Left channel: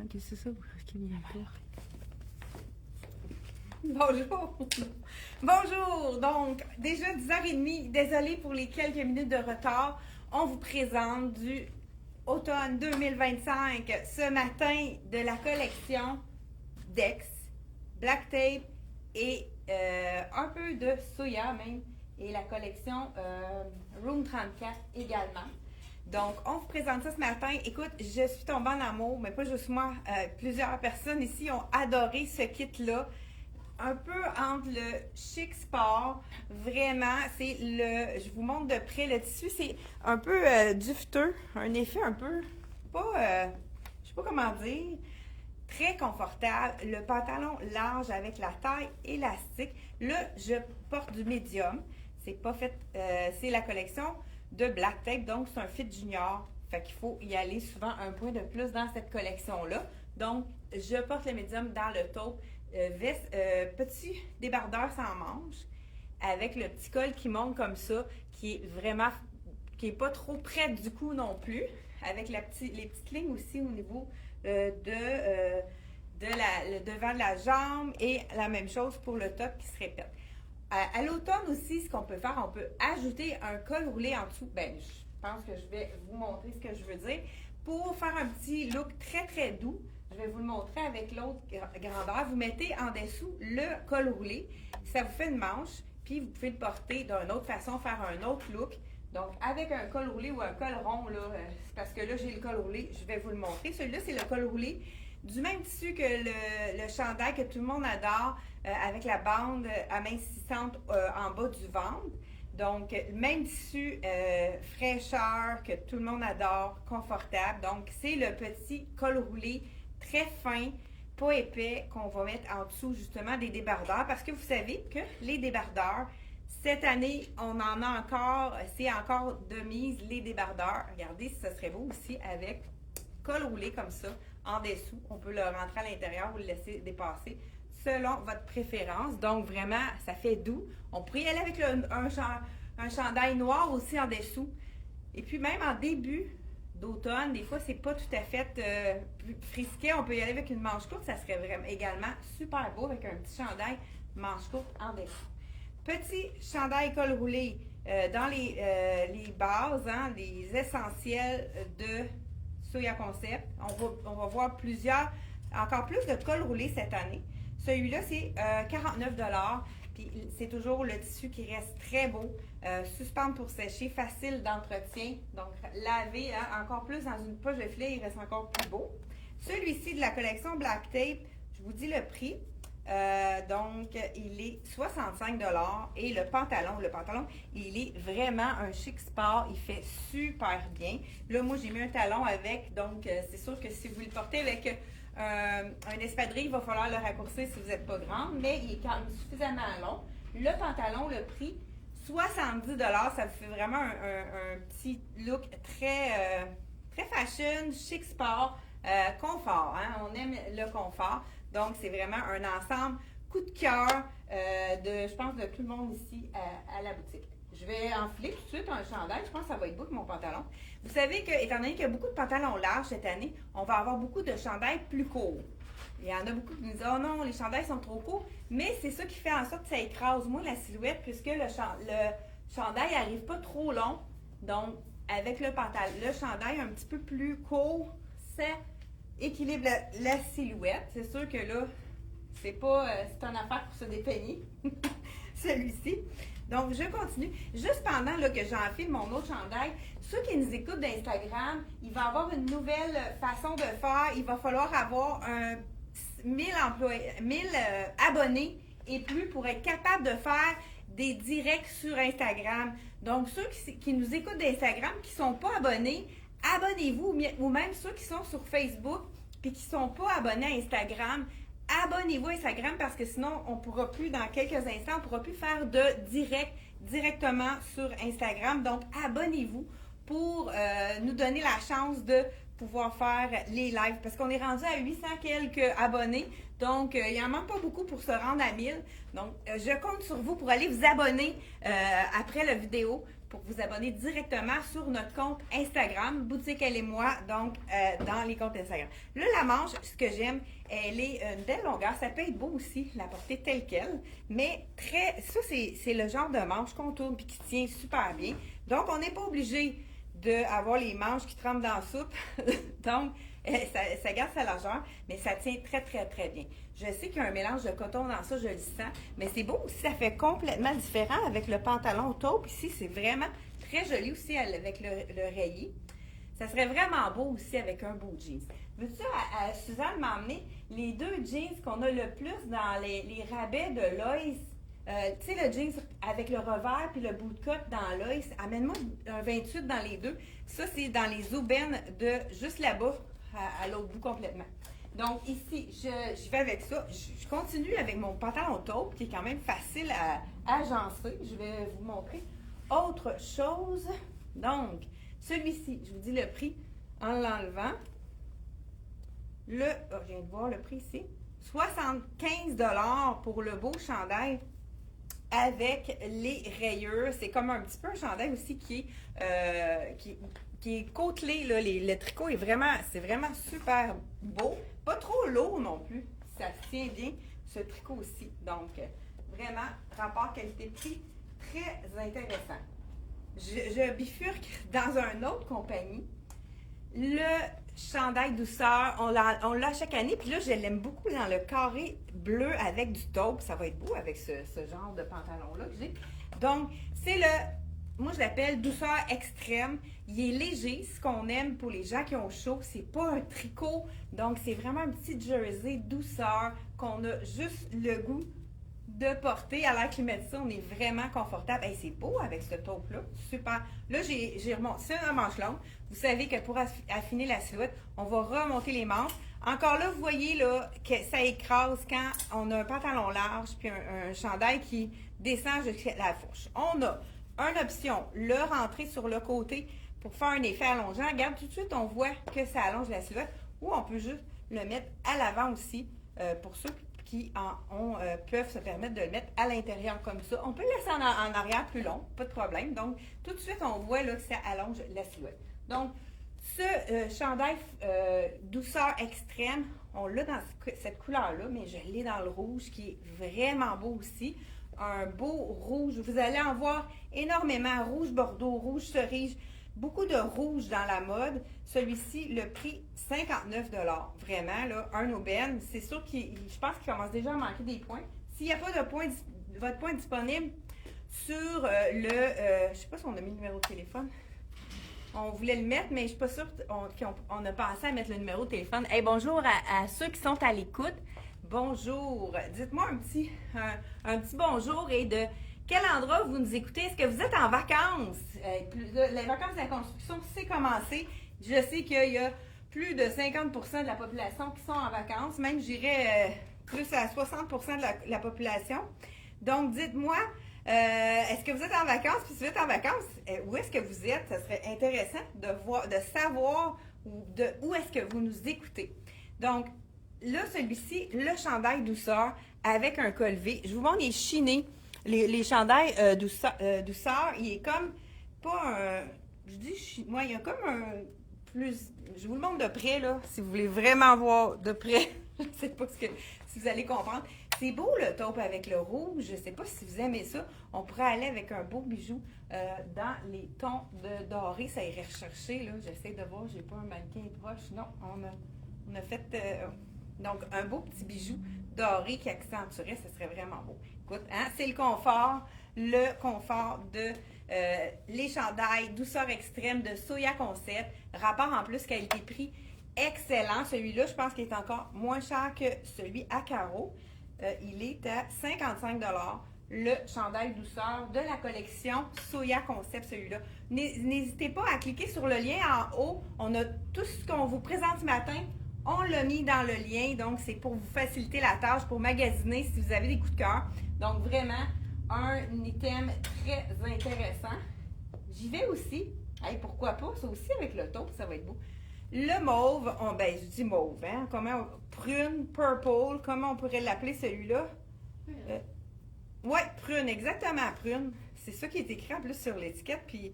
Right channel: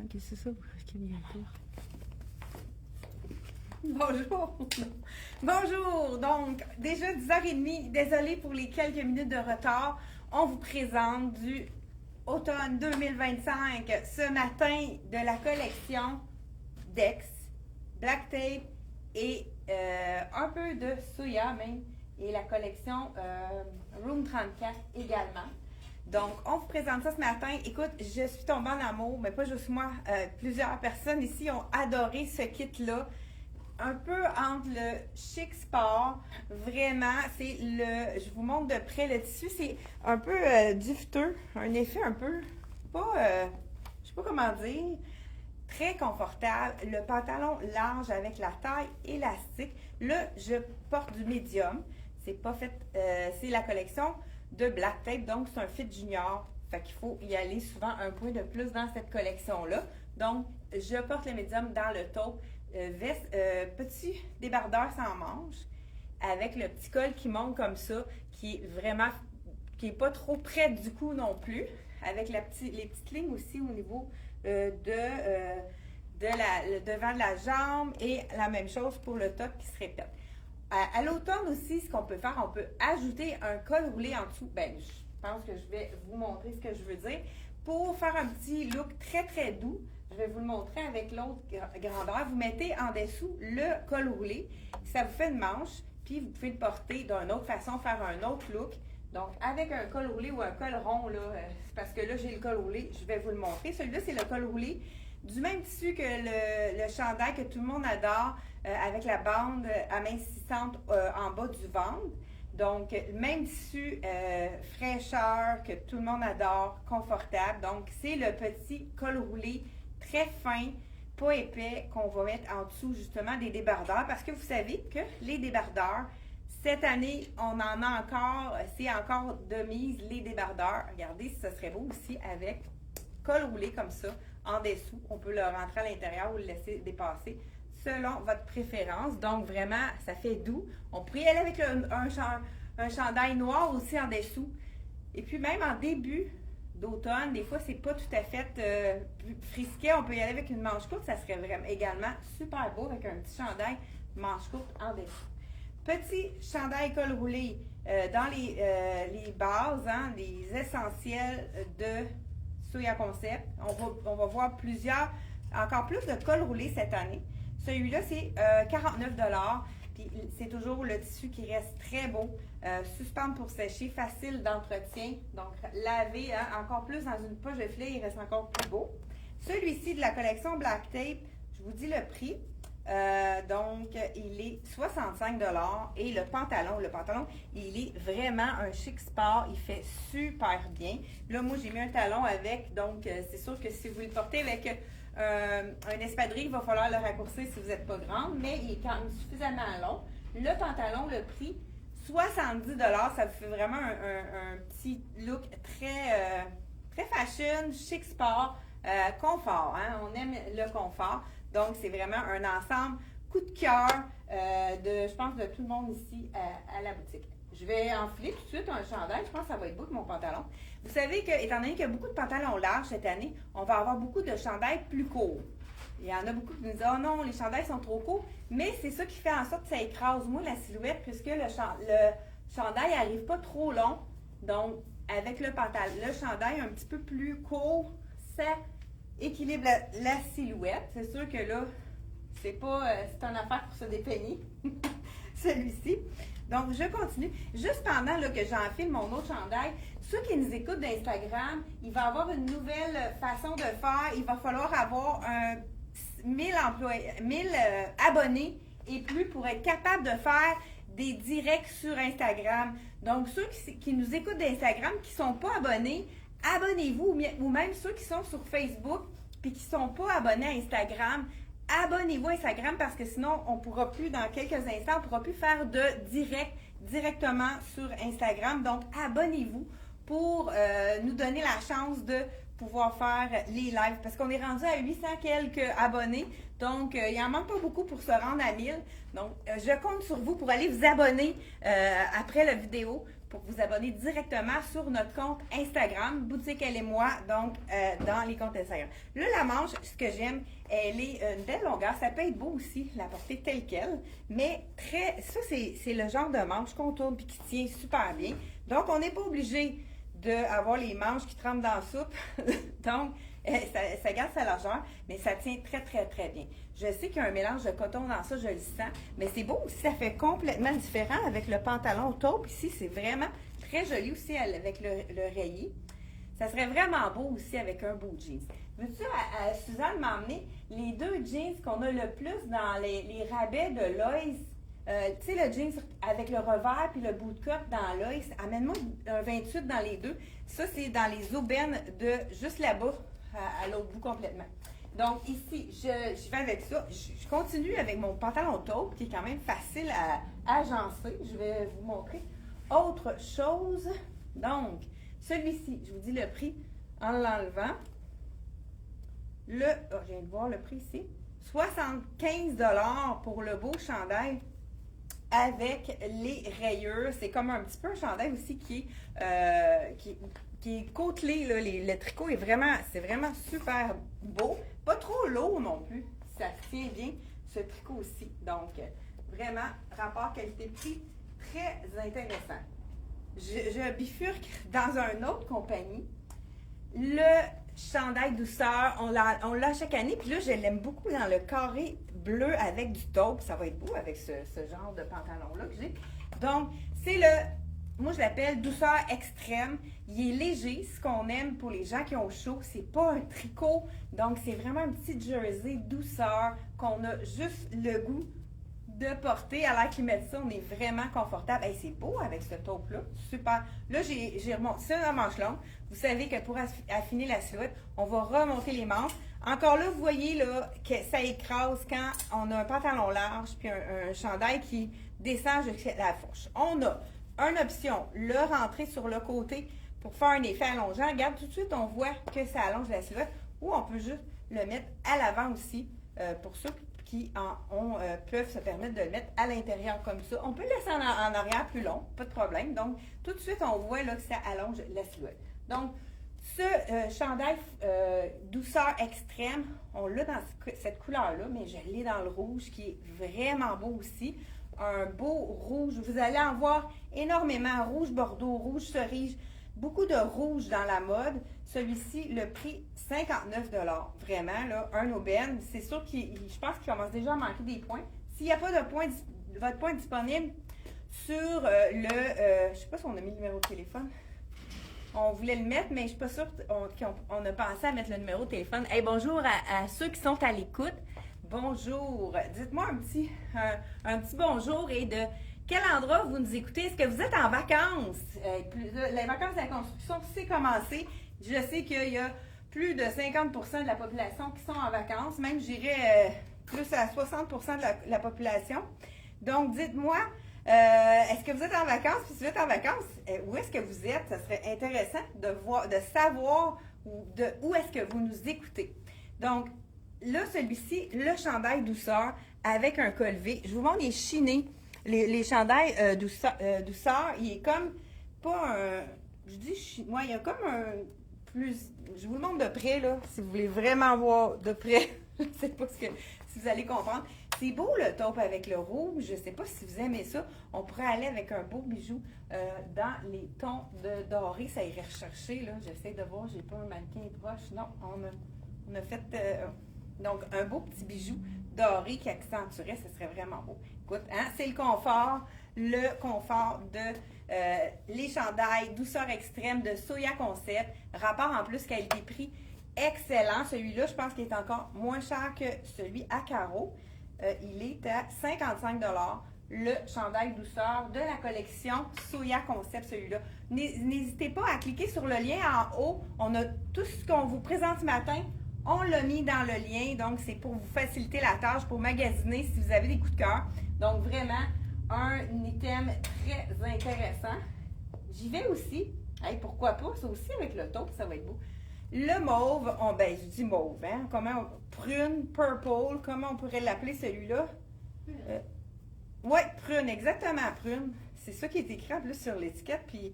Ok, c'est ça. Bonjour. Bonjour. Donc, déjà 10h30, désolée pour les quelques minutes de retard. On vous présente du automne 2025 ce matin de la collection Dex, Black Tape et un peu de Soya même et la collection Room 34 également. Donc, on vous présente ça ce matin. Écoute, je suis tombée en amour, mais pas juste moi. Plusieurs personnes ici ont adoré ce kit-là. Un peu entre le chic sport, vraiment, je vous montre de près le tissu, c'est un peu duveteux, un effet un peu, je sais pas comment dire, très confortable. Le pantalon large avec la taille élastique. Là, je porte du médium. C'est pas fait, c'est la collection de Black Tape, donc c'est un fit junior. Fait qu'il faut y aller souvent un point de plus dans cette collection-là. Donc, je porte le médium dans le taupe. Petit débardeur sans manche avec le petit col qui monte comme ça, qui est vraiment, qui est pas trop près du cou non plus, avec les petites lignes aussi au niveau le devant de la jambe et la même chose pour le top qui se répète. À l'automne aussi, ce qu'on peut faire, on peut ajouter un col roulé en dessous. Ben, je pense que je vais vous montrer ce que je veux dire. Pour faire un petit look très très doux, je vais vous le montrer avec l'autre grandeur. Vous mettez en dessous le col roulé. Ça vous fait une manche, puis vous pouvez le porter d'une autre façon, faire un autre look. Donc, avec un col roulé ou un col rond, là, c'est parce que là, j'ai le col roulé, je vais vous le montrer. Celui-là, c'est le col roulé du même tissu que le chandail que tout le monde adore, avec la bande amincissante en bas du ventre. Donc, même tissu, fraîcheur, que tout le monde adore, confortable. Donc, c'est le petit col roulé très fin, pas épais, qu'on va mettre en dessous justement des débardeurs. Parce que vous savez que les débardeurs, cette année, on en a encore, c'est encore de mise, les débardeurs. Regardez, ça serait beau aussi avec col roulé comme ça, en dessous. On peut le rentrer à l'intérieur ou le laisser dépasser selon votre préférence. Donc, vraiment, ça fait doux. On pourrait y aller avec un chandail noir aussi en dessous. Et puis, même en début d'automne, des fois, c'est pas tout à fait frisquet. On peut y aller avec une manche courte. Ça serait vraiment également super beau avec un petit chandail manche courte en dessous. Petit chandail col roulé dans les bases, hein, les essentiels de Soya Concept. On va voir encore plus de col roulé cette année. Celui-là, c'est 49 $. Puis c'est toujours le tissu qui reste très beau. Suspendre pour sécher, facile d'entretien. Donc, laver encore plus dans une poche de filet, il reste encore plus beau. Celui-ci de la collection Black Tape, je vous dis le prix. Donc, il est 65 $ et le pantalon, il est vraiment un chic sport. Il fait super bien. Là, moi, j'ai mis un talon avec, donc c'est sûr que si vous le portez avec un espadrille, il va falloir le raccourcir si vous n'êtes pas grande, mais il est quand même suffisamment long. Le pantalon, le prix, 70 $. Ça vous fait vraiment un petit look très, très fashion, chic sport, confort. Hein? On aime le confort. Donc, c'est vraiment un ensemble coup de cœur je pense, de tout le monde ici à la boutique. Je vais enfiler tout de suite un chandail. Je pense que ça va être beau avec mon pantalon. Vous savez que, étant donné qu'il y a beaucoup de pantalons larges cette année, on va avoir beaucoup de chandails plus courts. Il y en a beaucoup qui nous disent « Oh non, les chandails sont trop courts », mais c'est ça qui fait en sorte que ça écrase moins la silhouette puisque le chandail n'arrive pas trop long. Donc, avec le chandail un petit peu plus court, ça équilibre la silhouette. C'est sûr que là, c'est une affaire pour se dépeigner, celui-ci. Donc, je continue. Juste pendant que j'enfile mon autre chandail, ceux qui nous écoutent d'Instagram, il va y avoir une nouvelle façon de faire. Il va falloir avoir 1000 abonnés et plus pour être capable de faire des directs sur Instagram. Donc, ceux qui nous écoutent d'Instagram, qui ne sont pas abonnés, abonnez-vous, ou même ceux qui sont sur Facebook puis qui ne sont pas abonnés à Instagram, abonnez-vous à Instagram parce que sinon, on ne pourra plus, dans quelques instants, on ne pourra plus faire de directement sur Instagram. Donc, abonnez-vous pour nous donner la chance de pouvoir faire les lives parce qu'on est rendu à 800 quelques abonnés. Donc, il n'en manque pas beaucoup pour se rendre à 1000. Donc, je compte sur vous pour aller vous abonner après la vidéo pour vous abonner directement sur notre compte Instagram, Boutique Elle et Moi, donc dans les comptes Instagram. Là, la manche, ce que j'aime, elle est une belle longueur. Ça peut être beau aussi, la porter telle quelle, mais ça, c'est le genre de manche qu'on tourne et qui tient super bien. Donc, on n'est pas obligé d'avoir les manches qui tremblent dans la soupe. Donc, ça garde sa largeur, mais ça tient très, très, très bien. Je sais qu'il y a un mélange de coton dans ça, je le sens, mais c'est beau aussi, ça fait complètement différent avec le pantalon taupe. Ici, c'est vraiment très joli aussi avec le rayé. Ça serait vraiment beau aussi avec un beau jeans. Veux-tu, Suzanne m'a emmené les deux jeans qu'on a le plus dans les rabais de Loïs. Tu sais, le jeans avec le revers puis le bout de cotte dans Loïs. Amène-moi un 28 dans les deux. Ça, c'est dans les aubaines de juste là-bas, à l'autre bout complètement. Donc ici, je vais avec ça. Je continue avec mon pantalon taupe qui est quand même facile à agencer. Je vais vous montrer autre chose. Donc, celui-ci, je vous dis le prix en l'enlevant. Je viens de voir le prix ici. 75 $ pour le beau chandail avec les rayures. C'est comme un petit peu un chandail aussi qui est côtelé. Là. Le tricot c'est vraiment super beau. Pas trop lourd non plus. Ça tient bien, ce tricot aussi. Donc, vraiment, rapport qualité-prix très intéressant. Je bifurque dans une autre compagnie. Le chandail douceur, on l'a chaque année. Puis là, je l'aime beaucoup dans le carré bleu avec du taupe. Ça va être beau avec ce genre de pantalon-là que j'ai. Donc, c'est moi je l'appelle douceur extrême. Il est léger, ce qu'on aime pour les gens qui ont chaud. C'est pas un tricot. Donc, c'est vraiment un petit jersey douceur qu'on a juste le goût de porter. À l'air qu'ils mettent ça, on est vraiment confortable. Hey, c'est beau avec ce taupe-là. Super. Là, j'ai remonté. C'est la manche longue. Vous savez que pour affiner la silhouette, on va remonter les manches. Encore là, vous voyez là que ça écrase quand on a un pantalon large puis un chandail qui descend jusqu'à la fourche. On a une option, le rentrer sur le côté pour faire un effet allongeant. Regarde, tout de suite, on voit que ça allonge la silhouette. Ou on peut juste le mettre à l'avant aussi pour ceux qui peuvent se permettre de le mettre à l'intérieur comme ça. On peut le laisser en arrière plus long, pas de problème. Donc, tout de suite, on voit là, que ça allonge la silhouette. Donc, ce chandail douceur extrême, on l'a dans cette couleur-là, mais je l'ai dans le rouge qui est vraiment beau aussi. Un beau rouge. Vous allez en voir énormément. Rouge bordeaux, rouge cerise. Beaucoup de rouge dans la mode. Celui-ci, le prix, 59 $. Vraiment, là, un aubaine. C'est sûr je pense qu'il commence déjà à manquer des points. S'il n'y a pas votre point disponible sur je ne sais pas si on a mis le numéro de téléphone. On voulait le mettre, mais je ne suis pas sûre qu'on a pensé à mettre le numéro de téléphone. Hey, bonjour à ceux qui sont à l'écoute. Bonjour. Dites-moi un petit bonjour et de quel endroit vous nous écoutez. Est-ce que vous êtes en vacances? Les vacances de la construction, c'est commencé. Je sais qu'il y a plus de 50% de la population qui sont en vacances. Même, j'irais plus à 60% de la population. Donc, dites-moi, est-ce que vous êtes en vacances? Puis si vous êtes en vacances, où est-ce que vous êtes? Ça serait intéressant de savoir où est-ce que vous nous écoutez. Donc, là, celui-ci, le chandail douceur avec un col V. Je vous montre les chinés. Les chandails douceur, il est comme pas un. Je dis moi, il y a comme un plus. Je vous le montre de près, là, si vous voulez vraiment voir de près. Je ne sais pas si vous allez comprendre. C'est beau le taupe avec le rouge. Je ne sais pas si vous aimez ça. On pourrait aller avec un beau bijou dans les tons de doré. Ça irait rechercher, là. J'essaie de voir, j'ai pas un mannequin proche. Non, on a fait. Donc, un beau petit bijou doré qui accentuerait, ce serait vraiment beau. Écoute, hein, c'est le confort de les chandails douceur extrême de Soya Concept. Rapport en plus qualité-prix excellent. Celui-là, je pense qu'il est encore moins cher que celui à carreaux. Il est à 55 $. Le chandail douceur de la collection Soya Concept, celui-là. N'hésitez pas à cliquer sur le lien en haut. On a tout ce qu'on vous présente ce matin. On l'a mis dans le lien, donc c'est pour vous faciliter la tâche, pour magasiner si vous avez des coups de cœur. Donc vraiment, un item très intéressant. J'y vais aussi. Hey, pourquoi pas? Ça aussi avec le taupe, ça va être beau. Le mauve, je dis mauve, hein? Prune, purple, comment on pourrait l'appeler celui-là? Oui, prune, exactement, prune. c'est ça qui est écrit en plus sur l'étiquette, puis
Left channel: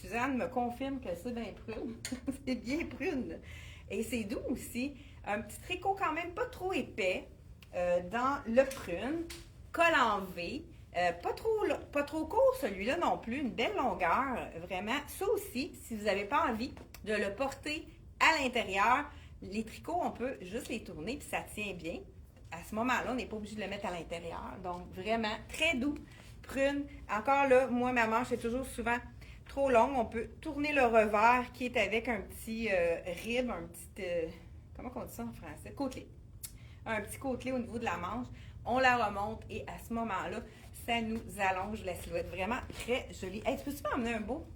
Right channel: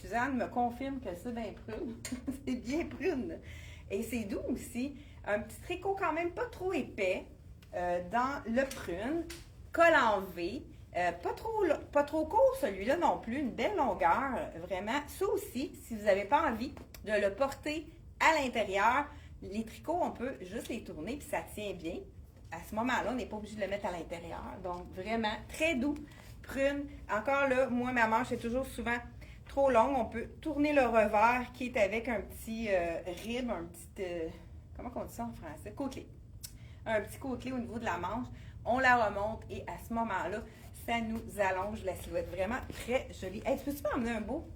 Suzanne me confirme que c'est bien prune. C'est bien prune. Et c'est doux aussi. Un petit tricot quand même pas trop épais dans le prune, col en V. Pas trop court celui-là non plus, une belle longueur, vraiment. Ça aussi, si vous n'avez pas envie de le porter à l'intérieur, les tricots, on peut juste les tourner puis ça tient bien. À ce moment-là, on n'est pas obligé de le mettre à l'intérieur. Donc, vraiment, très doux, prune. Encore là, moi, ma manche est toujours souvent trop longue. On peut tourner le revers qui est avec un petit rib, un petit, comment on dit ça en français? Côtelé. Un petit côtelé au niveau de la manche. On la remonte et à ce moment-là, ça nous allonge la silhouette. Vraiment très jolie. Hey, peux-tu m'emmener un beau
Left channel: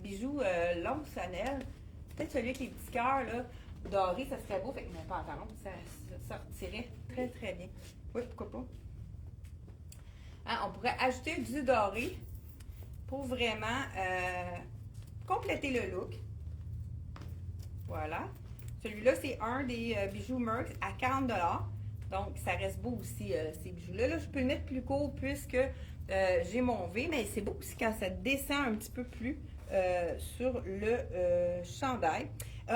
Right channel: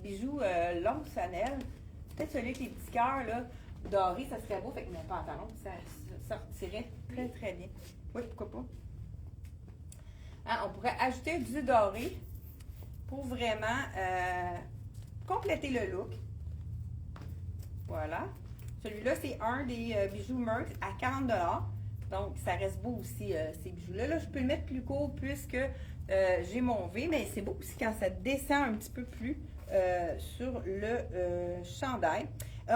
bijou long sonnelle? Peut-être celui avec les petits cœurs, là, dorés, ça serait beau. Fait que mes pantalons, ça sortirait très, très bien. Oui, pourquoi pas? Hein, on pourrait ajouter du doré pour vraiment compléter le look. Voilà. Celui-là, c'est un des bijoux Merx à 40 $. Donc, ça reste beau aussi, ces bijoux-là. Là, je peux le mettre plus court puisque j'ai mon V, mais c'est beau aussi quand ça descend un petit peu plus sur le chandail.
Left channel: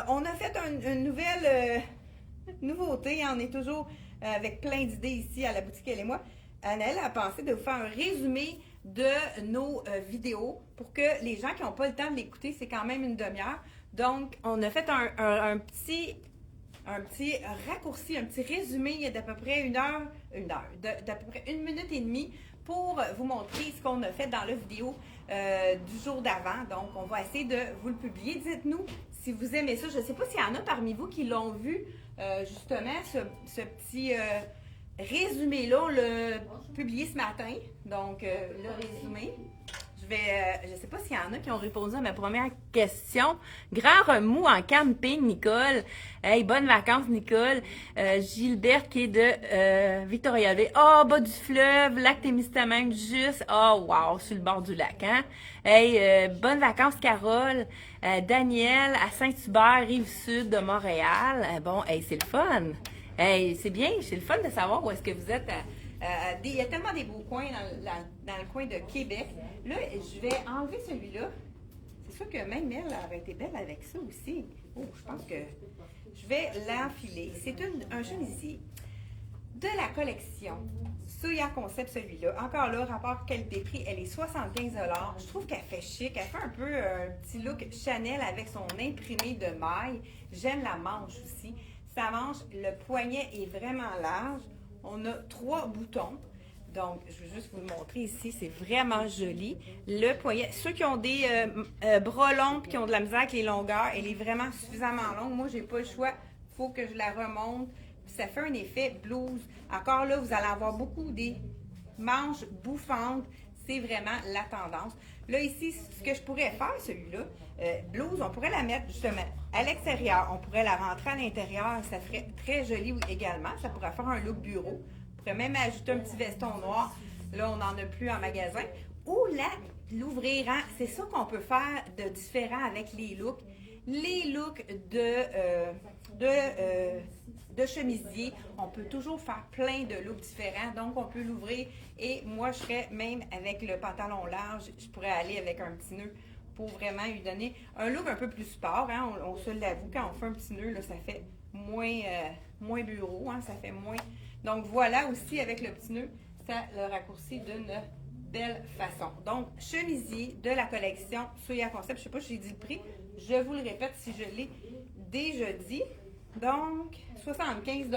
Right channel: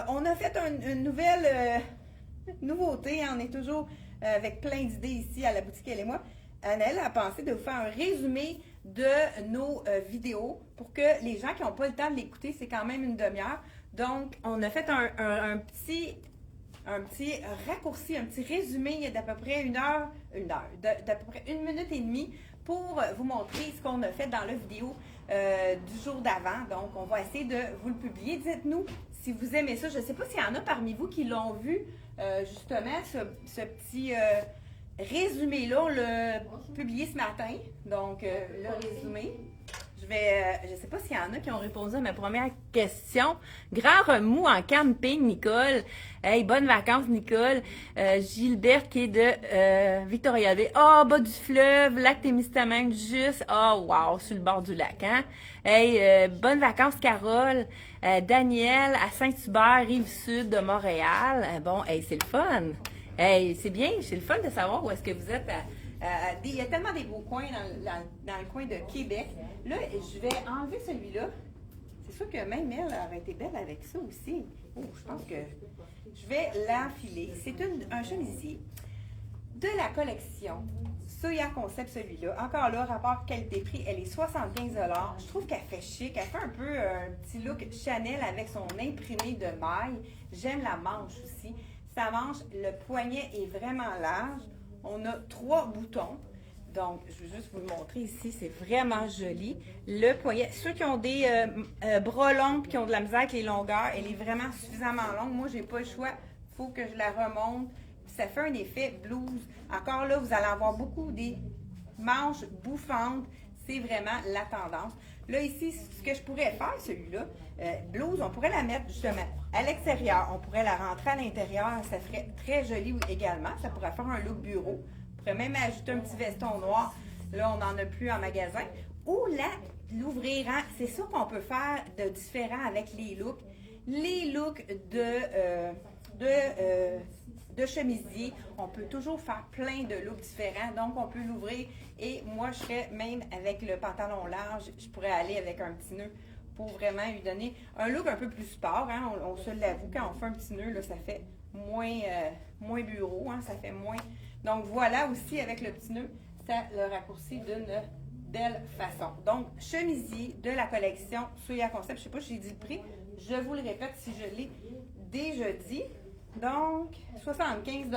On a fait une nouvelle nouveauté. On est toujours avec plein d'idées ici à la boutique Elle et moi. Annelle a pensé de vous faire un résumé de nos vidéos pour que les gens qui n'ont pas le temps de l'écouter, c'est quand même une demi-heure. Donc, on a fait un petit raccourci, un petit résumé d'à peu près d'à peu près 1 minute et demie pour vous montrer ce qu'on a fait dans la vidéo du jour d'avant. Donc, on va essayer de vous le publier. Dites-nous si vous aimez ça. Je ne sais pas s'il y en a parmi vous qui l'ont vu, justement, ce petit résumé-là. On l'a publié ce matin. Donc, le résumé. Je ne sais pas s'il y en a qui ont répondu à ma première question. Grand remous en camping, Nicole. Hey, bonnes vacances, Nicole. Gilbert qui est de Victoria Bay. Oh, bas du fleuve, lac Témiscamingue, juste. Oh, wow, sur le bord du lac, hein. Hey, bonnes vacances, Carole. Daniel à Saint-Hubert, Rive-Sud de Montréal. Bon, hey, c'est le fun. Hey, c'est bien, c'est le fun de savoir où est-ce que vous êtes. Il y a tellement des beaux coins dans le coin de Québec. Là, je vais enlever celui-là. C'est sûr que même elle aurait été belle avec ça aussi. Oh, je pense que je vais l'enfiler. C'est un chemisier de la collection Soya Concept, celui-là. Encore là, rapport qualité-prix, elle est 75 $. Je trouve qu'elle fait chic. Elle fait un peu un petit look Chanel avec son imprimé de maille. J'aime la manche aussi. Sa manche, le poignet est vraiment large. On a 3 boutons. Donc, je vais juste vous le montrer ici. C'est vraiment joli. Le poignet. Ceux qui ont des bras longs et qui ont de la misère avec les longueurs, elle est vraiment suffisamment longue. Moi, je n'ai pas le choix. Il faut que je la remonte. Ça fait un effet blouse. Encore là, vous allez avoir beaucoup des manches bouffantes. C'est vraiment la tendance. Là, ici, ce que je pourrais faire, celui-là, blouse, on pourrait la mettre justement à l'extérieur. On pourrait la rentrer à l'intérieur. Ça ferait très joli également. Ça pourrait faire un look bureau. On pourrait même ajouter un petit veston noir. Là, on n'en a plus en magasin. Ou l'ouvrir. Hein? C'est ça qu'on peut faire de différent avec les looks. Les looks de chemisier, on peut toujours faire plein de looks différents, donc on peut l'ouvrir et moi je serais même avec le pantalon large, je pourrais aller avec un petit nœud pour vraiment lui donner un look un peu plus sport, hein? On se l'avoue, quand on fait un petit nœud, là, ça fait moins bureau, hein? Ça fait moins, donc voilà aussi avec le petit nœud, ça le raccourcit d'une belle façon. Donc chemisier de la collection Soya Concept, je sais pas si j'ai dit le prix, je vous le répète si je l'ai déjà dit. Donc, 75 $,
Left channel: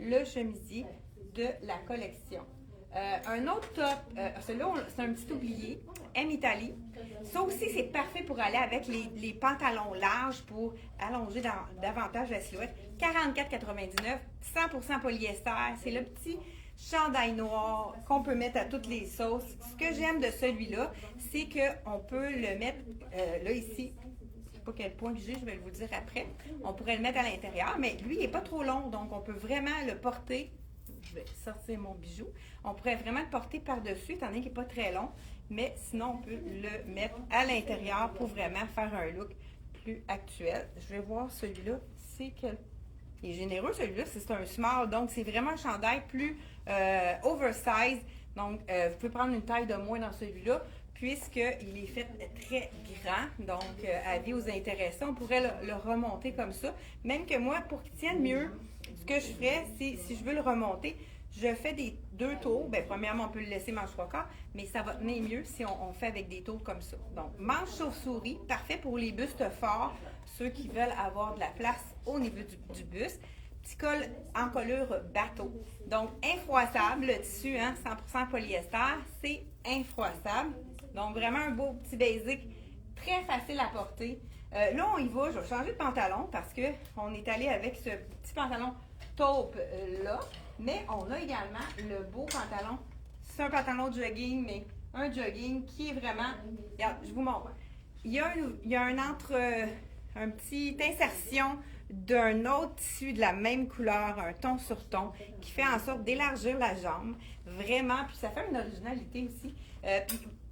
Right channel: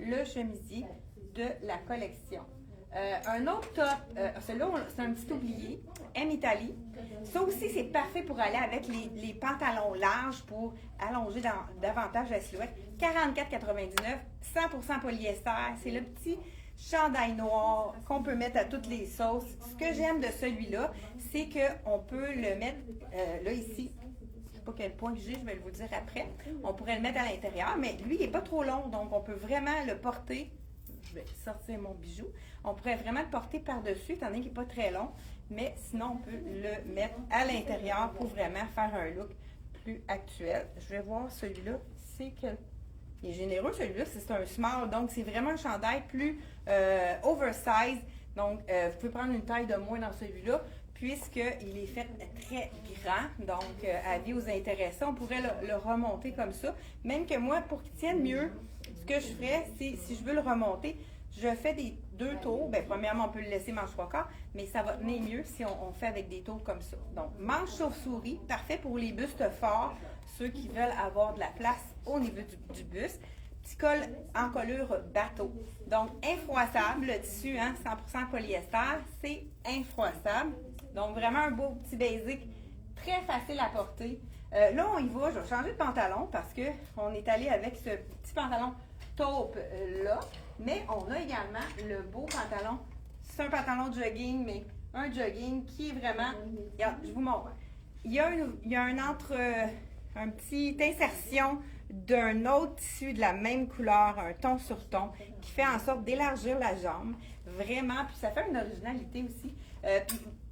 le chemisier de la collection. Un autre top, celui-là, c'est un petit oublié, M Italie. Ça aussi, c'est parfait pour aller avec les pantalons larges pour allonger davantage la silhouette. 44,99 $, 100% polyester. C'est le petit chandail noir qu'on peut mettre à toutes les sauces. Ce que j'aime de celui-là, c'est qu'on peut le mettre, là ici, quel point j'ai, je vais vous le dire après. On pourrait le mettre à l'intérieur, mais lui, il n'est pas trop long, donc on peut vraiment le porter. Je vais sortir mon bijou. On pourrait vraiment le porter par-dessus, étant donné qu'il n'est pas très long, mais sinon, on peut le mettre à l'intérieur pour vraiment faire un look plus actuel. Je vais voir celui-là, c'est quel. Il est généreux, celui-là, c'est un small, donc c'est vraiment un chandail plus oversize, Donc, vous pouvez prendre une taille de moins dans celui-là, puisqu'il est fait très grand. Donc, avis aux intéressés, on pourrait le remonter comme ça. Même que moi, pour qu'il tienne mieux, ce que je ferais, c'est, si je veux le remonter, je fais des 2 tours. Bien, premièrement, on peut le laisser manche 3/4, mais ça va tenir mieux si on fait avec des tours comme ça. Donc, manche chauve-souris, parfait pour les bustes forts, ceux qui veulent avoir de la place au niveau du buste. Petit col en colure bateau. Donc, infroissable, le tissu, 100% polyester, c'est infroissable. Donc, vraiment un beau petit basic, très facile à porter. Là, on y va, je vais changer de pantalon parce qu'on est allé avec ce petit pantalon taupe là. Mais on a également le beau pantalon. C'est un pantalon jogging, mais un jogging qui est vraiment... Regarde, je vous montre. Il y a un petit insertion d'un autre tissu de la même couleur, un ton sur ton, qui fait en sorte d'élargir la jambe. Vraiment, puis ça fait une originalité aussi.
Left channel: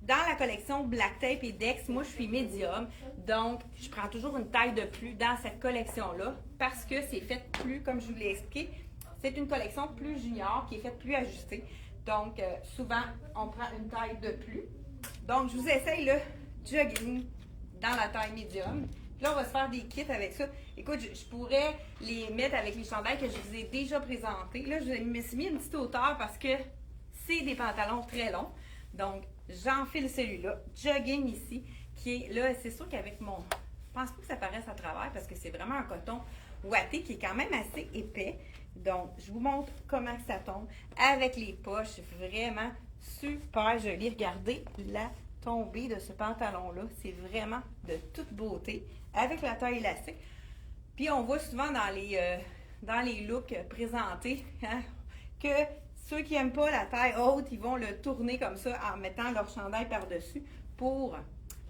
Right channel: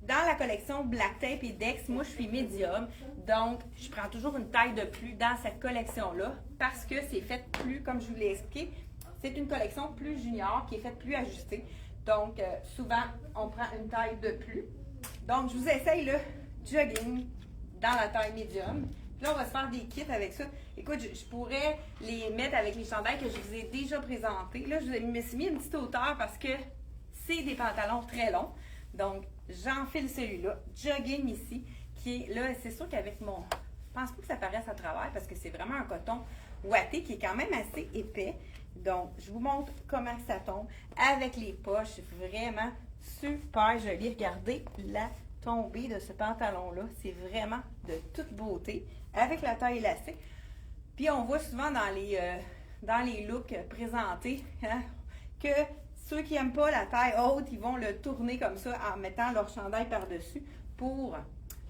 Dans la collection Black Tape et Dex, moi je suis médium, donc je prends toujours une taille de plus dans cette collection-là parce que c'est fait plus, comme je vous l'ai expliqué, c'est une collection plus junior qui est faite plus ajustée. Donc souvent on prend une taille de plus. Donc je vous essaye le jogging dans la taille médium. Là, on va se faire des kits avec ça. Écoute, je pourrais les mettre avec les chandails que je vous ai déjà présentés. Là, je me suis mis une petite hauteur parce que c'est des pantalons très longs. Donc, j'enfile celui-là. Jogging ici, qui est là, c'est sûr qu'avec mon... Je pense pas que ça paraisse à travers parce que c'est vraiment un coton ouaté qui est quand même assez épais. Donc, je vous montre comment ça tombe. Avec les poches, vraiment super joli. Regardez la tombée de ce pantalon-là. C'est vraiment de toute beauté. Avec la taille élastique. Puis, on voit souvent dans les looks présentés que ceux qui n'aiment pas la taille haute, ils vont le tourner comme ça en mettant leur chandail par-dessus pour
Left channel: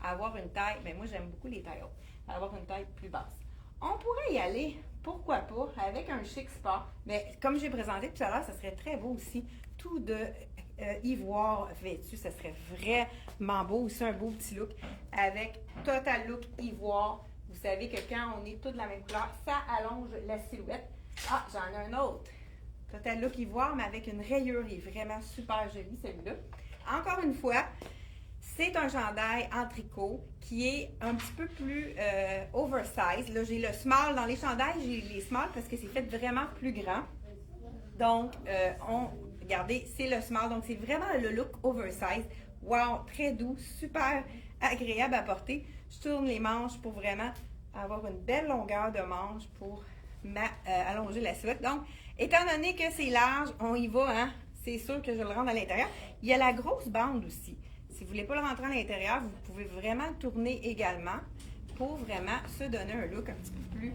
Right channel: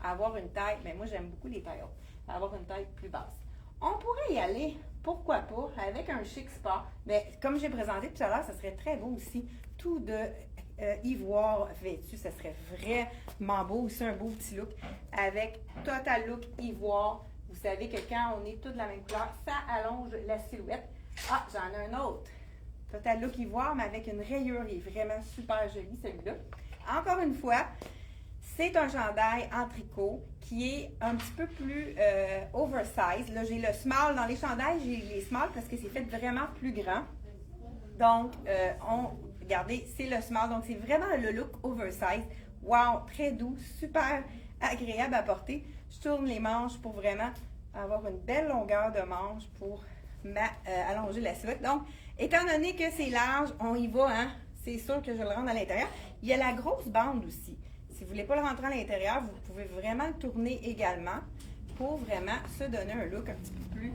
avoir une taille, mais moi j'aime beaucoup les tailles hautes, avoir une taille plus basse. On pourrait y aller, pourquoi pas, avec un chic sport, mais comme j'ai présenté tout à l'heure, ça serait très beau aussi, tout de ivoire vêtu, ça serait vraiment beau, aussi un beau petit look avec total look ivoire. Vous savez que quand on est tous de la même couleur, ça allonge la silhouette. Ah, j'en ai un autre. Total look ivoire, mais avec une rayure. Il est vraiment super joli, celui-là. Encore une fois, c'est un chandail en tricot qui est un petit peu plus oversize. Là, j'ai le small dans les chandails. J'ai les small parce que c'est fait vraiment plus grand. Donc, regardez, c'est le small. Donc, c'est vraiment le look oversize. Wow, très doux, super agréable à porter. Je tourne les manches pour vraiment avoir une belle longueur de manche pour allonger la silhouette. Donc, étant donné que c'est large, on y va, c'est sûr que je le rentre à l'intérieur. Il y a la grosse bande aussi. Si vous ne voulez pas le rentrer à l'intérieur, vous pouvez vraiment tourner également pour vraiment se donner un look un petit peu plus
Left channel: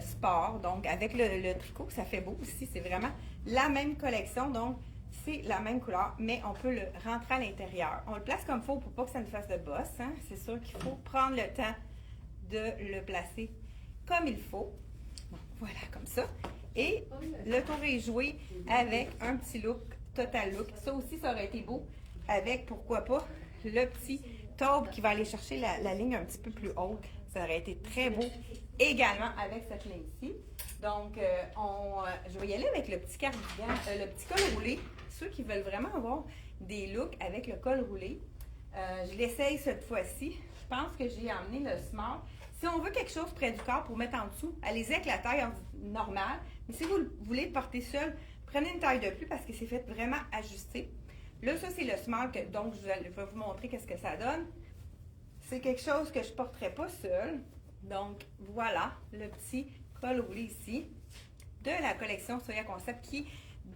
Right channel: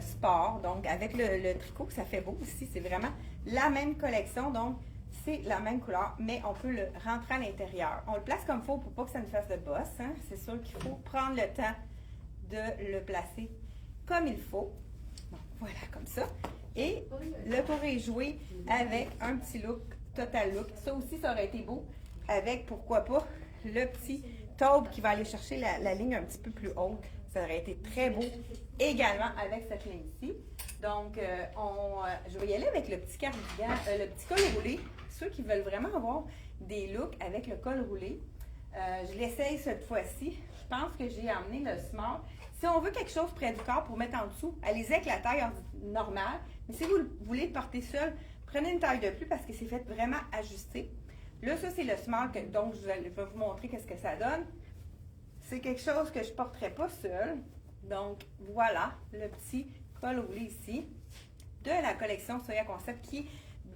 sport. Donc, avec le tricot, ça fait beau aussi. C'est vraiment la même collection. Donc, c'est la même couleur, mais on peut le rentrer à l'intérieur. On le place comme il faut pour pas que ça nous fasse de bosse. C'est sûr qu'il faut prendre le temps de le placer comme il faut. Bon, voilà, comme ça. Et le tour est joué avec un petit look, total look. Ça aussi, ça aurait été beau avec, pourquoi pas, le petit taube qui va aller chercher la ligne un petit peu plus haute. Ça aurait été très beau également avec cette ligne-ci. Donc, je vais y aller avec le petit cardigan, le petit col roulé. Ceux qui veulent vraiment avoir des looks avec le col roulé, je l'essaye cette fois-ci. Je pense que j'ai amené le small. Si on veut quelque chose près du corps pour mettre en dessous, allez-y avec la taille normale. Mais si vous voulez le porter seul, prenez une taille de plus parce que c'est fait vraiment ajusté. Là, ça, c'est le small, donc je vais vous montrer qu'est-ce que ça donne. C'est quelque chose que je ne porterai pas seul. Donc, voilà, le petit col roulé ici de la collection Soya Concept qui est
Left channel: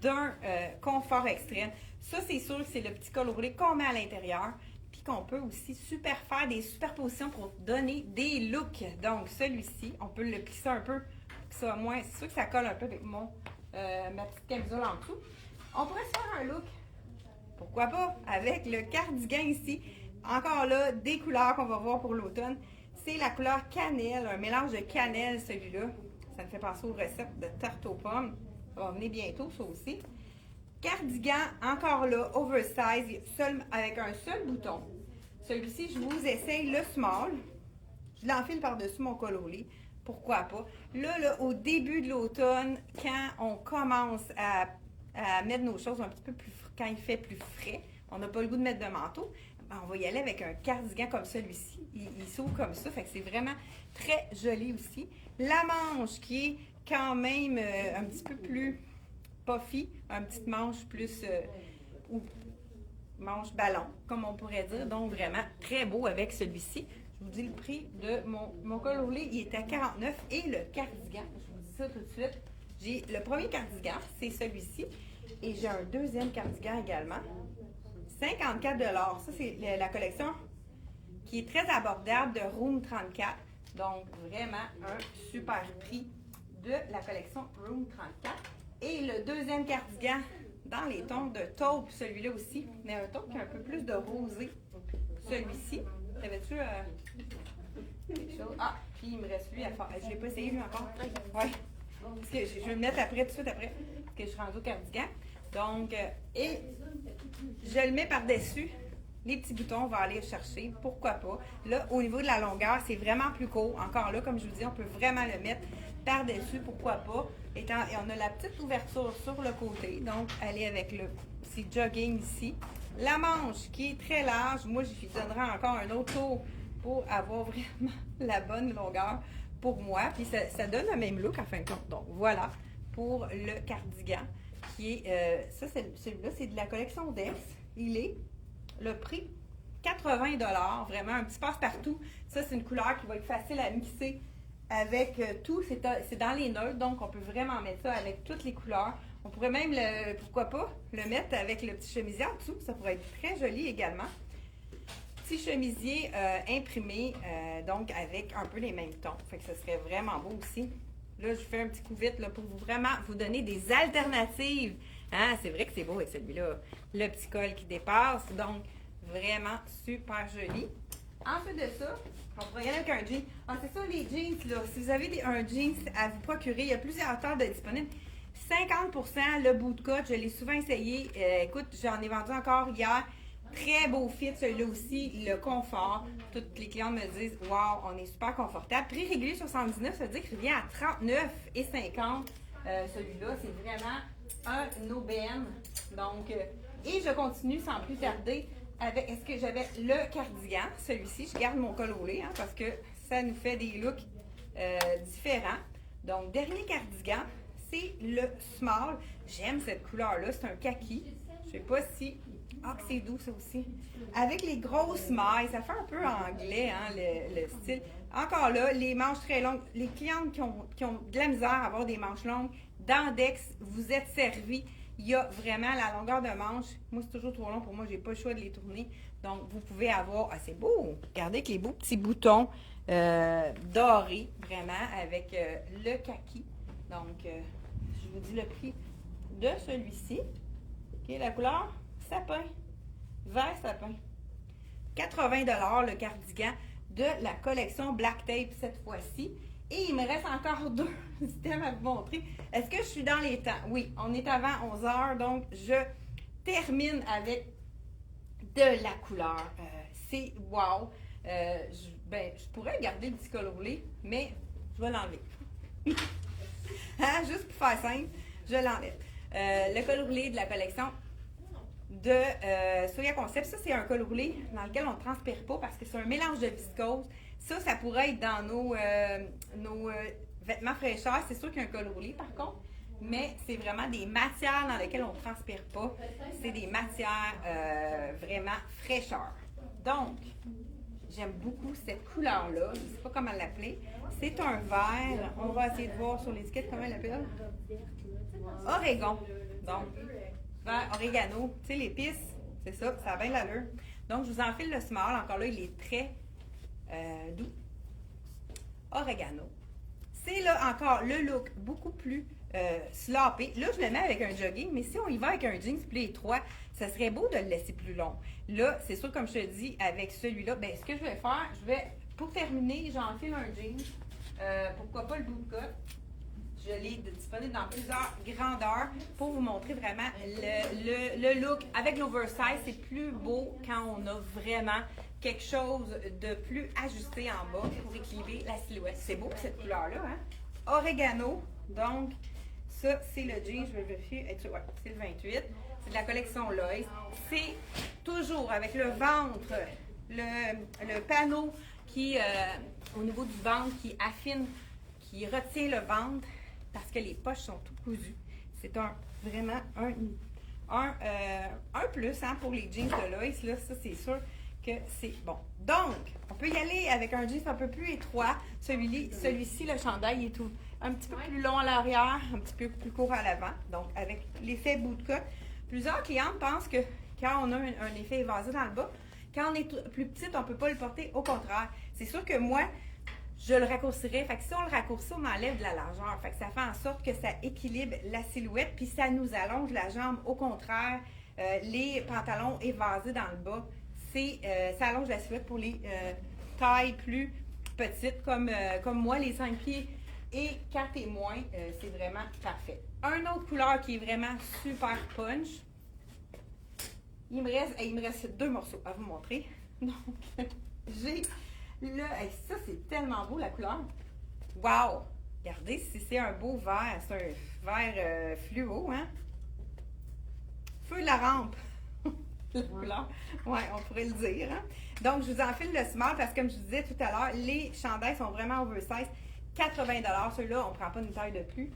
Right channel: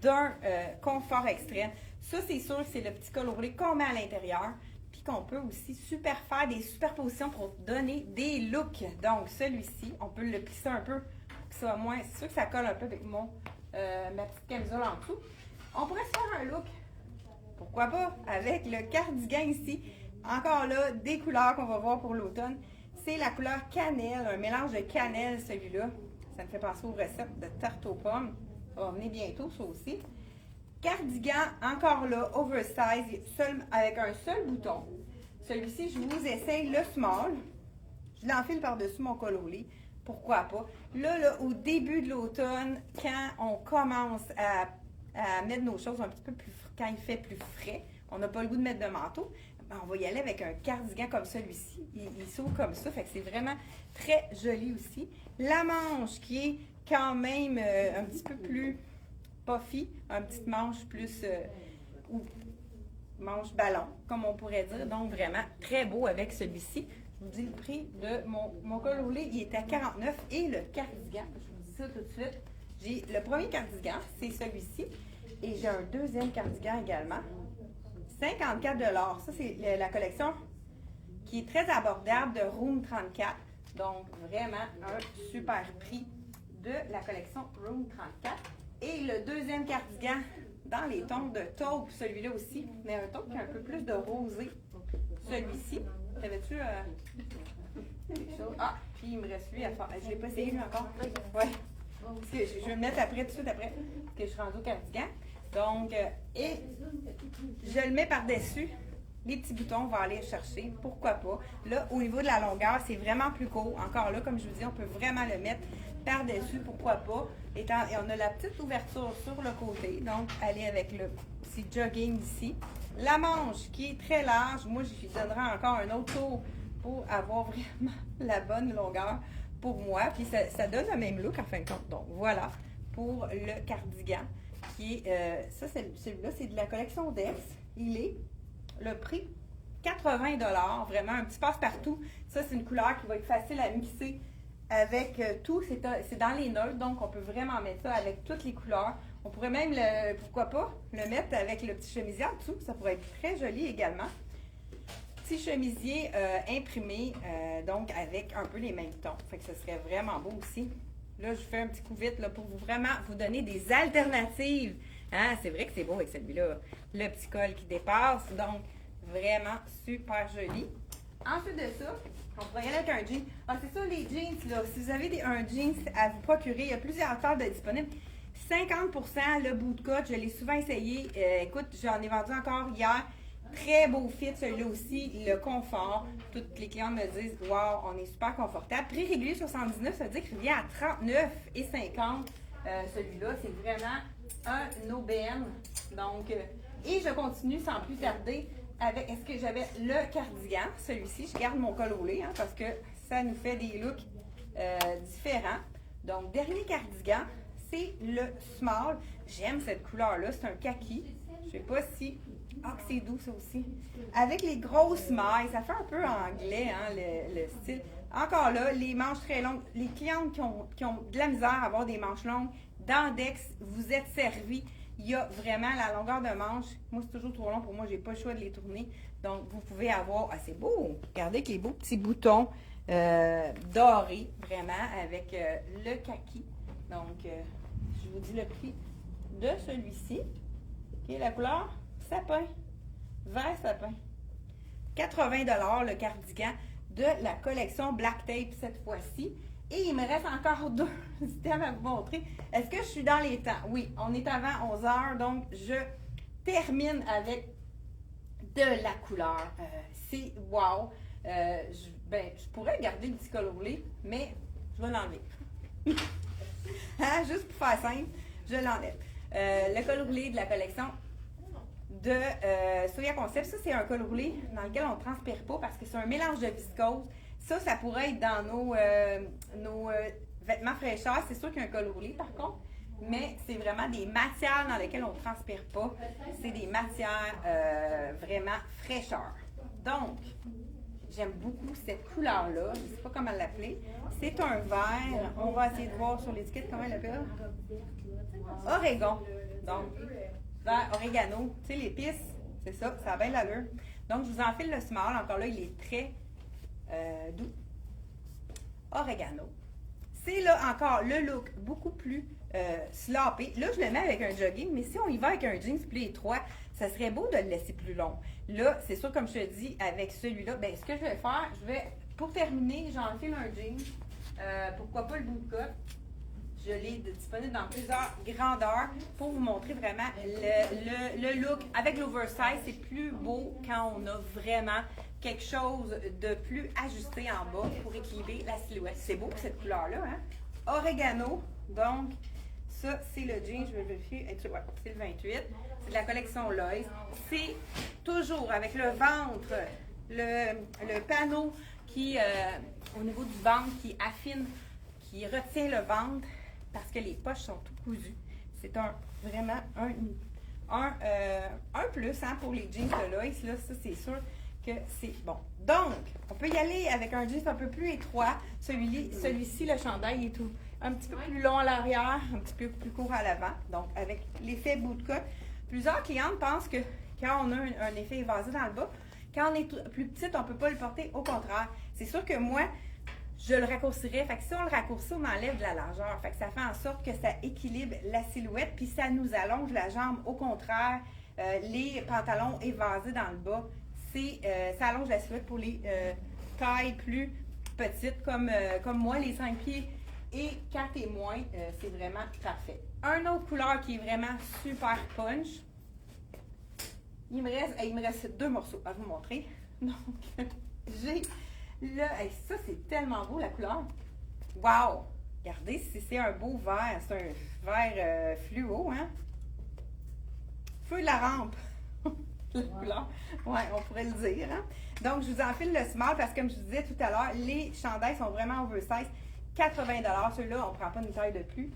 d'un confort extrême. Ça, c'est sûr que c'est le petit col roulé qu'on met à l'intérieur puis qu'on peut aussi faire des superpositions pour donner des looks. Donc, celui-ci, on peut le plisser un peu, ça moins, c'est sûr que ça colle un peu avec ma petite camisole en dessous. On pourrait se faire un look, pourquoi pas, avec le cardigan ici. Encore là, des couleurs qu'on va voir pour l'automne. C'est la couleur cannelle, un mélange de cannelle, celui-là. Ça me fait penser aux recettes de tarte aux pommes. Ça va venir bientôt, ça aussi. Cardigan, encore là, oversize, avec un seul bouton. Celui-ci, je vous essaye le small. Je l'enfile par-dessus mon col roulé. Pourquoi pas? Là, au début de l'automne, quand on commence à à mettre nos choses un petit peu plus quand il fait plus frais. On n'a pas le goût de mettre de manteau. Ben, on va y aller avec un cardigan comme celui-ci. Il s'ouvre comme ça, fait que c'est vraiment très joli aussi. La manche qui est quand même un petit peu plus puffy, une petite manche plus ou manche ballon, comme on pourrait dire. Donc vraiment très beau avec celui-ci. Je vous dis le prix de mon col roulé, il est à 49 et le cardigan, je vous dis ça tout de suite. J'ai le premier cardigan, c'est celui-ci, et j'ai un deuxième cardigan également. 54 $. Ça, c'est la collection qui est très abordable de Room 34. Donc, vraiment un super prix de la collection Room 34. Et le deuxième cardigan dans les tons de taupe, celui-là aussi, mais un taupe qui a un peu plus de rosé. Celui-ci. Avais-tu quelque chose? Ah, puis il me reste lui à faire. Je l'ai pas essayé lui encore. Ouais. Je vais le mettre après, tout de suite après, parce que je suis rendue au cardigan. Donc, et je le mets par-dessus. Les petits boutons, on va aller chercher. Pourquoi pas? Là, au niveau de la longueur, c'est vraiment plus court. Encore là, comme je vous dis, on peut vraiment le mettre par-dessus. Pourquoi pas? Et on a la petite ouverture sur le côté. Donc, aller avec le petit jogging ici. La manche qui est très large. Moi, je lui donnerai encore un autre tour pour avoir vraiment la bonne longueur pour moi. Puis, ça donne le même look en fin de compte. Donc, voilà pour le cardigan. Qui est, ça, celui-là, c'est de la collection Des. Il est le prix 80 $, vraiment un petit passe-partout. Ça, c'est une couleur qui va être facile à mixer avec tout. C'est dans les neutres, donc on peut vraiment mettre ça avec toutes les couleurs. On pourrait même, pourquoi pas, le mettre avec le petit chemisier en dessous. Ça pourrait être très joli également. Petit chemisier imprimé, donc avec un peu les mêmes tons. Fait que ce serait vraiment beau aussi. Là, je fais un petit coup vite là, pour vraiment vous donner des alternatives. Hein? C'est vrai que c'est beau avec celui-là. Le petit col qui dépasse. Donc, vraiment super joli. Ensuite de ça, on pourrait y aller avec un jean. Ah, c'est ça, les jeans, là. Si vous avez un jeans à vous procurer, il y a plusieurs tailles de disponibles. 50% le bootcut, je l'ai souvent essayé. Écoute, j'en ai vendu encore hier. Très beau fit, celui-là aussi, le confort. Toutes les clientes me disent, wow, on est super confortable. Prix régulier 79, ça veut dire qu'il vient à 39,50. Celui-là, c'est vraiment un aubaine. Donc, et je continue sans plus tarder avec, est-ce que j'avais le cardigan, celui-ci, je garde mon col roulé, hein, parce que ça nous fait des looks différents. Donc, dernier cardigan, c'est le small. J'aime cette couleur-là, c'est un kaki. Je sais pas si... Ah, c'est doux, ça aussi. Avec les grosses mailles, ça fait un peu anglais, hein, le style. Encore là, les manches très longues. Les clientes qui ont de la misère à avoir des manches longues, dans Dex, vous êtes servis. Il y a vraiment la longueur de manche. Moi, c'est toujours trop long pour moi, j'ai pas le choix de les tourner. Donc, vous pouvez avoir... Ah, c'est beau! Regardez avec les beaux petits boutons dorés, vraiment, avec le kaki. Donc, je vous dis le prix de celui-ci. OK, la couleur? Sapin, vert sapin. 80 $ le cardigan de la collection Black Tape cette fois-ci. Et il me reste encore deux items à vous montrer. Est-ce que je suis dans les temps? Oui, on est avant 11 h, donc je termine avec de la couleur. C'est wow! Je pourrais garder le petit col roulé, mais je vais l'enlever. Hein, juste pour faire simple, je l'enlève. Le col roulé de la collection de Soya Concept. Ça, c'est un col roulé dans lequel on ne transpire pas parce que c'est un mélange de viscose. Ça pourrait être dans nos vêtements fraîcheurs. C'est sûr qu'il y a un col roulé, par contre, mais c'est vraiment des matières dans lesquelles on ne transpire pas. C'est des matières vraiment fraîcheurs. Donc, j'aime beaucoup cette couleur-là. Je ne sais pas comment l'appeler. C'est un vert. On va essayer de voir sur l'étiquette comment elle l'appelle. Oregon. Donc, vert oregano. Tu sais, l'épice, c'est ça. Ça a bien l'allure. Donc, je vous enfile le small. Encore là, il est très doux. Oregano. C'est là encore le look beaucoup plus sloppy. Là, je le mets avec un jogging, mais si on y va avec un jeans plus étroit, ça serait beau de le laisser plus long. Là, c'est sûr, comme je te dis, avec celui-là, ben, ce que je vais faire, pour terminer, j'enfile un jean. Pourquoi pas le bootcut? Je l'ai disponible dans plusieurs grandeurs pour vous montrer vraiment le look. Avec l'oversize, c'est plus beau quand on a vraiment quelque chose de plus ajusté en bas pour équilibrer la silhouette. C'est beau cette couleur-là, hein? Oregano. Donc, Ça, c'est le jean, je vais vérifier. Ouais, c'est le 28. C'est de la collection Lois. C'est toujours avec le ventre, le panneau qui, au niveau du ventre, qui affine, qui retient le ventre parce que les poches sont tout cousues. C'est vraiment un plus hein, pour les jeans de Lois. Là, ça, c'est sûr que c'est bon. Donc, on peut y aller avec un jeans un peu plus étroit. Celui-ci, le chandail est tout un petit peu plus long à l'arrière, un petit peu plus court à l'avant. Donc, avec l'effet bootcut. Plusieurs clientes pensent que quand on a un effet évasé dans le bas, quand on est plus petite, on ne peut pas le porter. Au contraire, c'est sûr que moi, je le raccourcirais. Fait que si on le raccourcit, on enlève de la largeur. Fait que ça fait en sorte que ça équilibre la silhouette, puis ça nous allonge la jambe. Au contraire, les pantalons évasés dans le bas, ça allonge la silhouette pour les tailles plus petites, comme moi, les 5 pieds et 4 et moins, c'est vraiment parfait. Un autre couleur qui est vraiment super punch. Il me reste 2 morceaux à vous montrer. Donc, j'ai ça, c'est tellement beau la couleur. Wow! Regardez si c'est un beau vert. C'est un vert fluo, hein? Feu de la rampe. La couleur. Ouais, on pourrait le dire. Hein? Donc, je vous enfile le small parce que, comme je vous disais tout à l'heure, les chandails sont vraiment oversize. 80$. Ceux-là, on ne prend pas une taille de plus.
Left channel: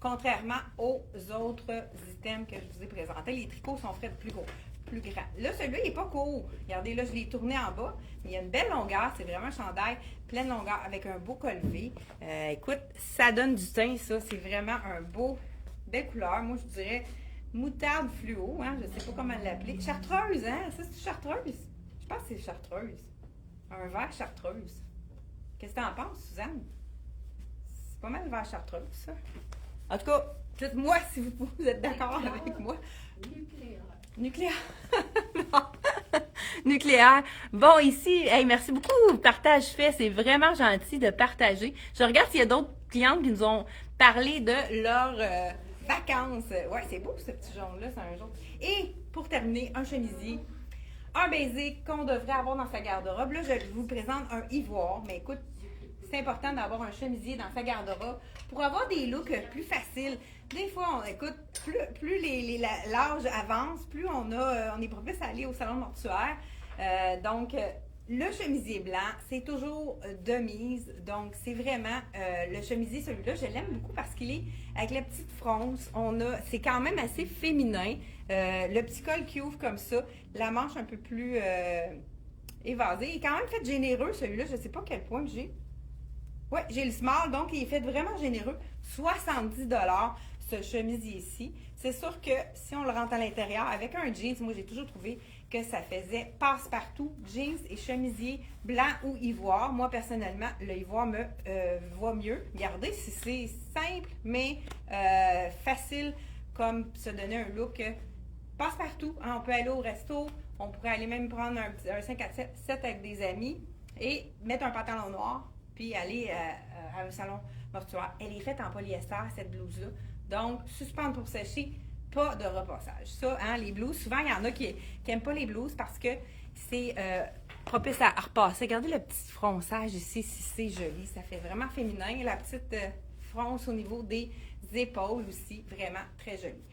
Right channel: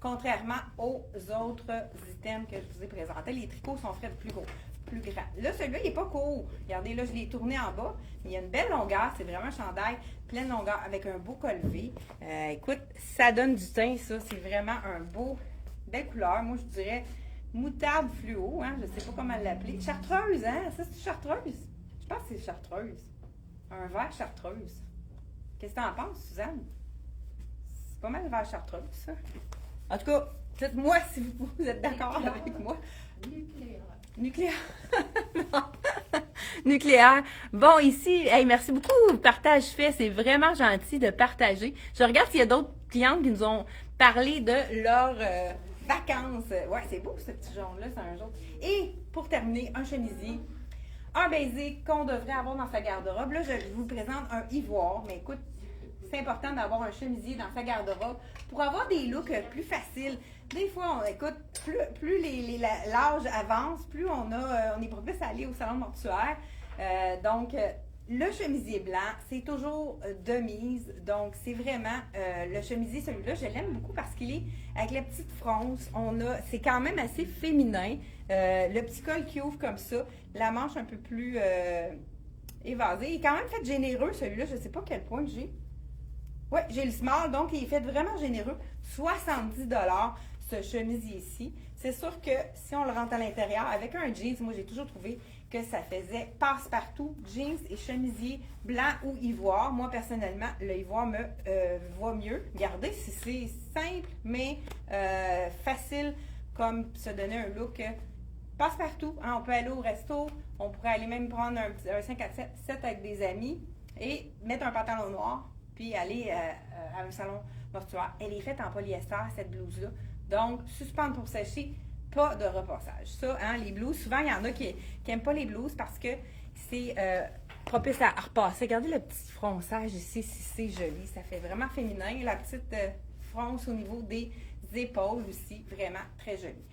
Contrairement aux autres items que je vous ai présentés, les tricots sont faits plus gros, plus grands. Là, celui-là, il n'est pas court. Regardez, là, je l'ai tourné en bas. Mais il y a une belle longueur. C'est vraiment un chandail pleine longueur avec un beau col V. Écoute, ça donne du teint, ça. C'est vraiment belle couleur. Moi, je dirais moutarde fluo. Hein? Je ne sais pas comment l'appeler. Chartreuse, hein? Ça, c'est chartreuse. Je pense que c'est chartreuse. Un vert chartreuse. Qu'est-ce que tu en penses, Suzanne? C'est pas mal vert chartreuse, ça. En tout cas, dites-moi si vous êtes d'accord avec moi. Nucléaire. Nucléaire. Bon, ici, hey, merci beaucoup. Partage fait, c'est vraiment gentil de partager. Je regarde s'il y a d'autres clientes qui nous ont parlé de leurs vacances. Ouais, c'est beau ce petit jaune-là, c'est un jaune. Et pour terminer, un chemisier. Un basic qu'on devrait avoir dans sa garde-robe. Là, je vous présente un ivoire, mais écoute, c'est important d'avoir un chemisier dans sa garde-robe pour avoir des looks plus faciles. Des fois, écoute, plus l'âge avance, plus on est propice à aller au salon mortuaire. Donc, le chemisier blanc, c'est toujours de mise. Donc, c'est vraiment le chemisier, celui-là, je l'aime beaucoup parce qu'il est avec la petite fronce. C'est quand même assez féminin. Le petit col qui ouvre comme ça, la manche un peu plus évasée. Il est quand même fait généreux, celui-là. Je ne sais pas quel point j'ai. Oui, j'ai le small, donc il est fait vraiment généreux. 70$ ce chemisier-ci. C'est sûr que si on le rentre à l'intérieur, avec un jeans, moi j'ai toujours trouvé que ça faisait passe-partout, jeans et chemisier blanc ou ivoire. Moi personnellement, le ivoire me va mieux. Regardez si c'est simple, mais facile comme se donner un look passe-partout. Hein, on peut aller au resto, on pourrait aller même prendre un 5 à 7 avec des amis et mettre un pantalon noir puis aller à un salon mortuaire. Elle est faite en polyester, cette blouse-là. Donc, suspendre pour sécher, pas de repassage. Ça, hein, les blouses, souvent, il y en a qui n'aiment pas les blouses parce que c'est propice à repasser. Regardez le petit fronçage ici, si c'est joli. Ça fait vraiment féminin. La petite fronce au niveau des épaules aussi, vraiment très jolie.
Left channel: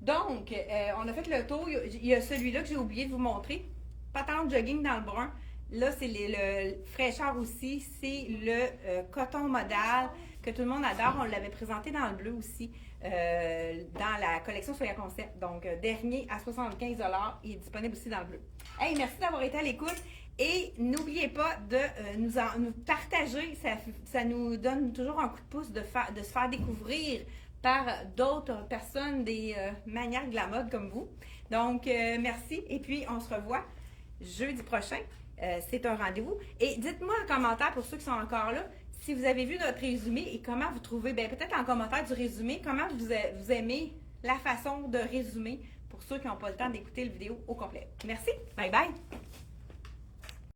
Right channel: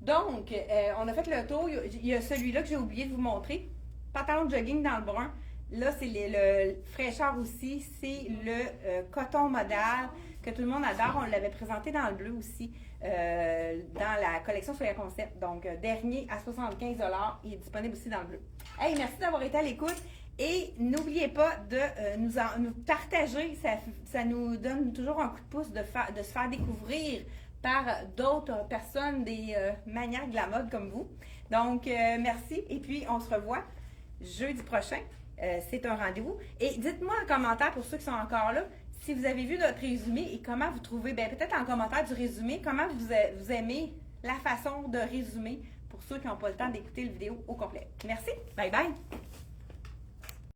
Donc, on a fait le tour. Il y a celui-là que j'ai oublié de vous montrer. Pantalon de jogging dans le brun. Là, c'est le fraîcheur aussi. C'est le coton modal que tout le monde adore. On l'avait présenté dans le bleu aussi, dans la collection Soya Concept. Donc, dernier à 75$. Il est disponible aussi dans le bleu. Hey, merci d'avoir été à l'écoute. Et n'oubliez pas de nous partager. Ça nous donne toujours un coup de pouce de se faire découvrir par d'autres personnes, des maniaques de la mode comme vous. Donc, merci. Et puis, on se revoit jeudi prochain. C'est un rendez-vous. Et dites-moi en commentaire, pour ceux qui sont encore là, si vous avez vu notre résumé et comment vous trouvez, peut-être en commentaire du résumé, comment vous aimez la façon de résumer pour ceux qui n'ont pas le temps d'écouter la vidéo au complet. Merci. Bye bye.